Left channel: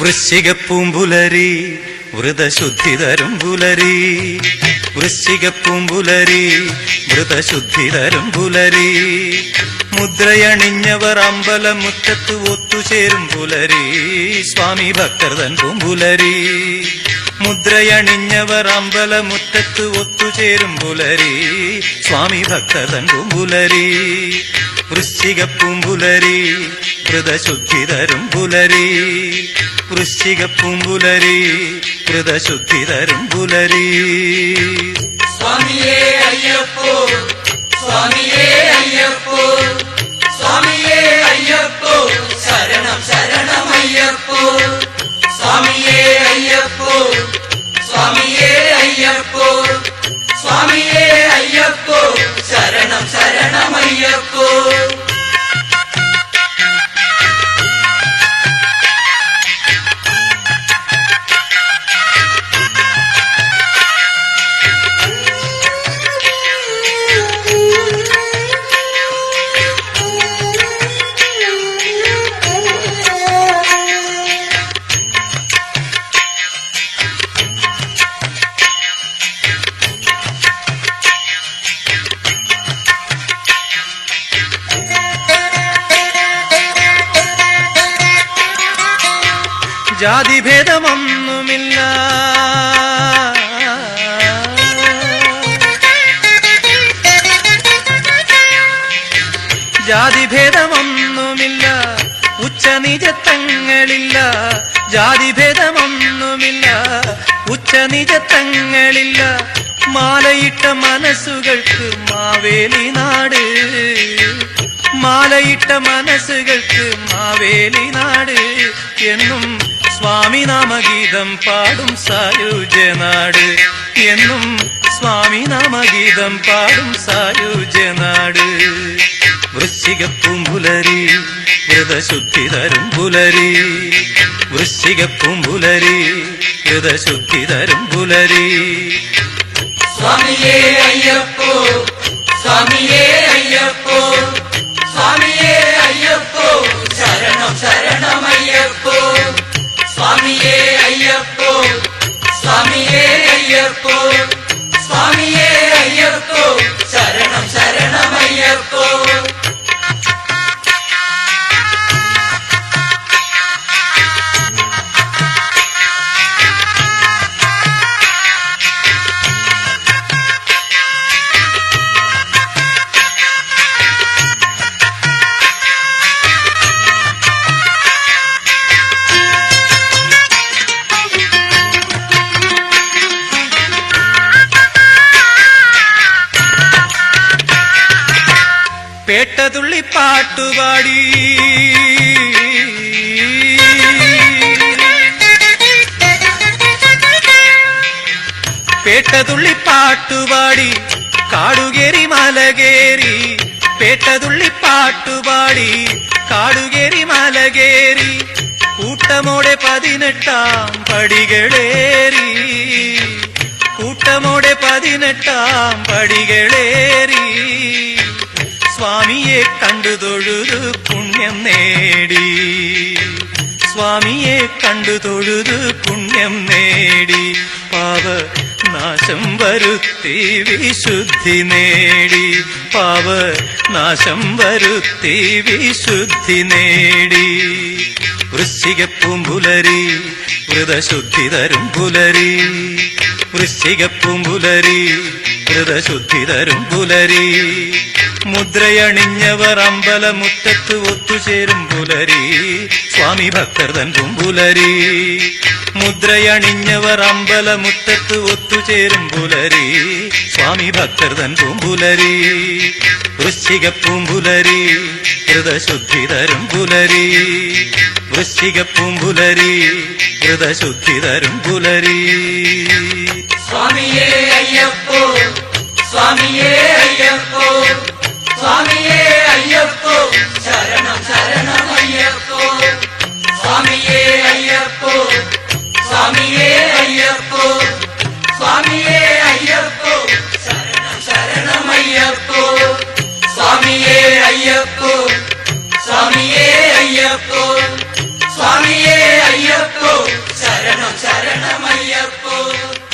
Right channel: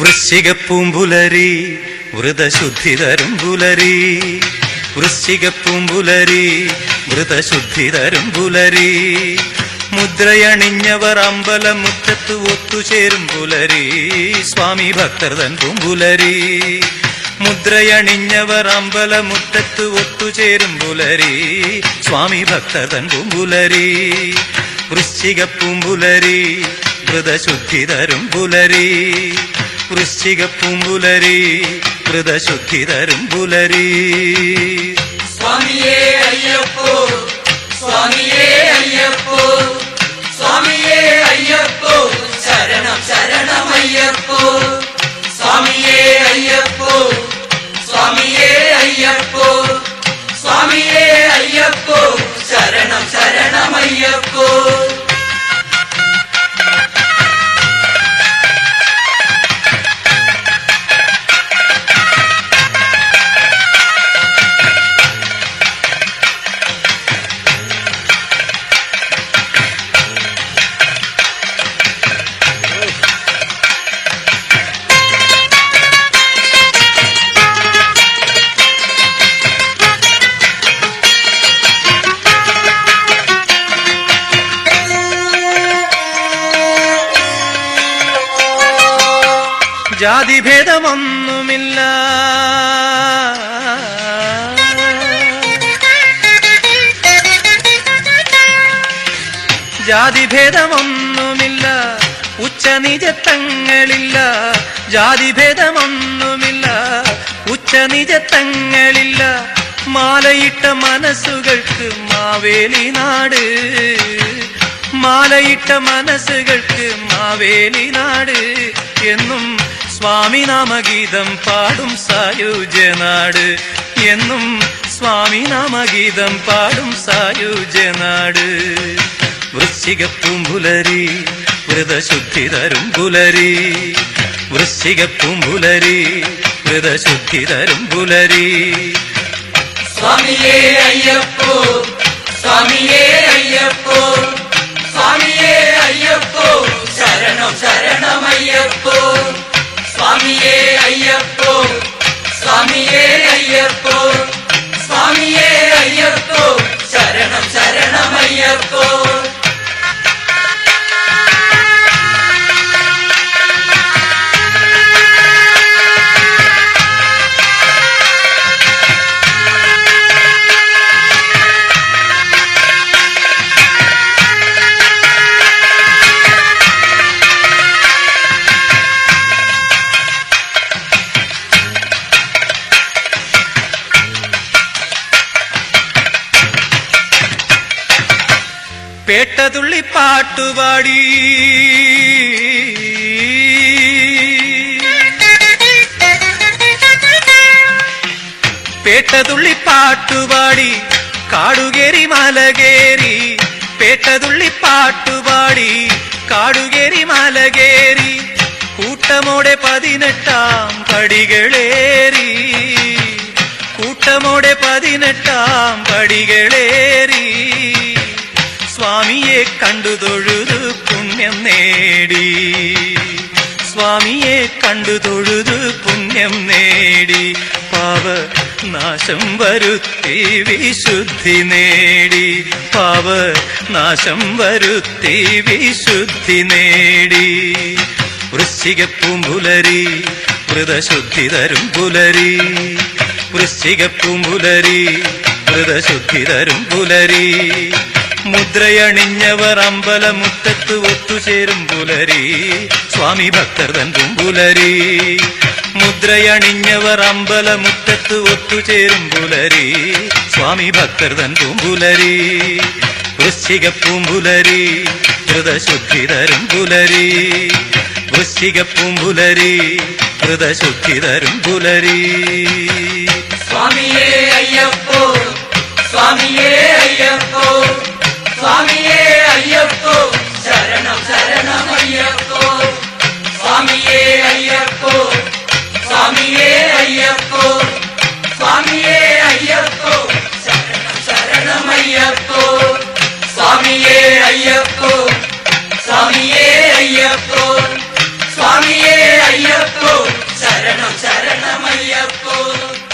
വൃശ്ചികപ്പൂമ്പുലരി വ്രതശുദ്ധി തരും പുലരി, വൃശ്ചികപ്പൂമ്പുലരി വ്രതശുദ്ധി തരും പുലരി. മുദ്രയണിഞ്ഞവർ അമ്പലമുറ്റത്ത് ഒത്തുചേരും പുലരി, സ്വാമി ഭക്തർ തൻ പൂമ്പുലരി. മുദ്രയണിഞ്ഞവർ അമ്പലമുറ്റത്ത് ഒത്തുചേരും പുലരി, സ്വാമി ഭക്തർ തൻ പൂമ്പുലരി. വൃശ്ചികപ്പൂമ്പുലരി വ്രതശുദ്ധി തരും പുലരി, വൃശ്ചികപ്പൂമ്പുലരി വ്രതശുദ്ധി തരും പുലരി. സ്വാമിയേ അയ്യപ്പോ, സ്വാമിയേ അയ്യപ്പോ, സ്വാമിയേ അയ്യപ്പോ, ശരണം ശരണമയ്യപ്പോ. സ്വാമിയേ അയ്യപ്പോ, സ്വാമിയേ അയ്യപ്പോ, സ്വാമിയേ അയ്യപ്പോ, ശരണം ശരണമയ്യപ്പോ. ജാതിഭേദമൊന്നുമില്ല, ജാതിഭേദമൊന്നുമില്ല, ഉച്ചനിജത്തങ്ങളില്ല. ജാതിഭേദമൊന്നുമില്ല, ഉച്ചനിജത്തങ്ങളില്ല. മാലയിട്ട മനസ്സുകൾക്ക് മാവേലി നാട്, മാലയിട്ട മനസ്സുകൾക്ക് മാവേലി നാട്. എന്നും സ്വാമി നാമഗീതം പാടും സായുജ്യനാട്, എന്നും സ്വാമി നാമഗീതം പാടും സായുജ്യനാട്. വൃശ്ചികപ്പൂമ്പുലരി വ്രതശുദ്ധി തരും പുലരി, വൃശ്ചികപ്പൂമ്പുലരി വ്രതശുദ്ധി തരും പുലരി. സ്വാമിയേ അയ്യപ്പോ, സ്വാമിയേ അയ്യപ്പോ, സ്വാമിയേ അയ്യപ്പോ, ശരണം ശരണമയ്യപ്പോ. സ്വാമിയേ അയ്യപ്പോ, സ്വാമിയേ അയ്യപ്പോ, സ്വാമിയേ അയ്യപ്പോ, ശരണം ശരണമയ്യപ്പോ. പേട്ടതുള്ളി പാട്ടുപാടി, പേട്ടതുള്ളി പാട്ടുപാടി കാടുകേറി മലകേറി. പേട്ടതുള്ളി പാട്ടുപാടി കാടുകേറി മലകേറി. കൂട്ടമോടെ 18 പടികളേറി, കൂട്ടമോടെ 18 പടികളേറി. സ്വാമിയെ കണ്ടു തൊഴുതു പുണ്യം നേടി, സ്വാമിയെ കണ്ടു തൊഴുതു പുണ്യം നേടി. പാപനാശം വരുത്തി വിശുദ്ധി നേടി, പാപനാശം വരുത്തി വിശുദ്ധി നേടി. വൃശ്ചികപ്പൂമ്പുലരി വ്രതശുദ്ധി തരും പുലരി, വൃശ്ചികപ്പൂമ്പുലരി വ്രതശുദ്ധി തരും പുലരി. മുദ്രയണിഞ്ഞവർ അമ്പലമുറ്റത്ത് ഒത്തുചേരും പുലരി, സ്വാമി ഭക്തർ തൻ പൂമ്പുലരി. മുദ്രയണിഞ്ഞവർ അമ്പലമുറ്റത്ത് ഒത്തുചേരും പുലരി, സ്വാമി ഭക്തർ തൻ പൂമ്പുലരി. വൃശ്ചികപ്പൂമ്പുലരി വ്രതശുദ്ധി തരും പുലരി, വൃശ്ചികപ്പൂമ്പുലരി വ്രതശുദ്ധി തരും പുലരി. സ്വാമിയേ അയ്യപ്പോ, സ്വാമിയേ അയ്യപ്പോ, സ്വാമിയേ അയ്യപ്പോ, ശരണം ശരണമയ്യപ്പോ. സ്വാമിയേ അയ്യപ്പോ, സ്വാമിയേ അയ്യപ്പോ, സ്വാമിയേ അയ്യപ്പോ, ശരണം ശരണമയ്യപ്പോ. സ്വാമിയേ അയ്യപ്പോ, സ്വാമിയേ അയ്യപ്പോ, സ്വാമിയേ അയ്യപ്പോ, അയ്യപ്പോ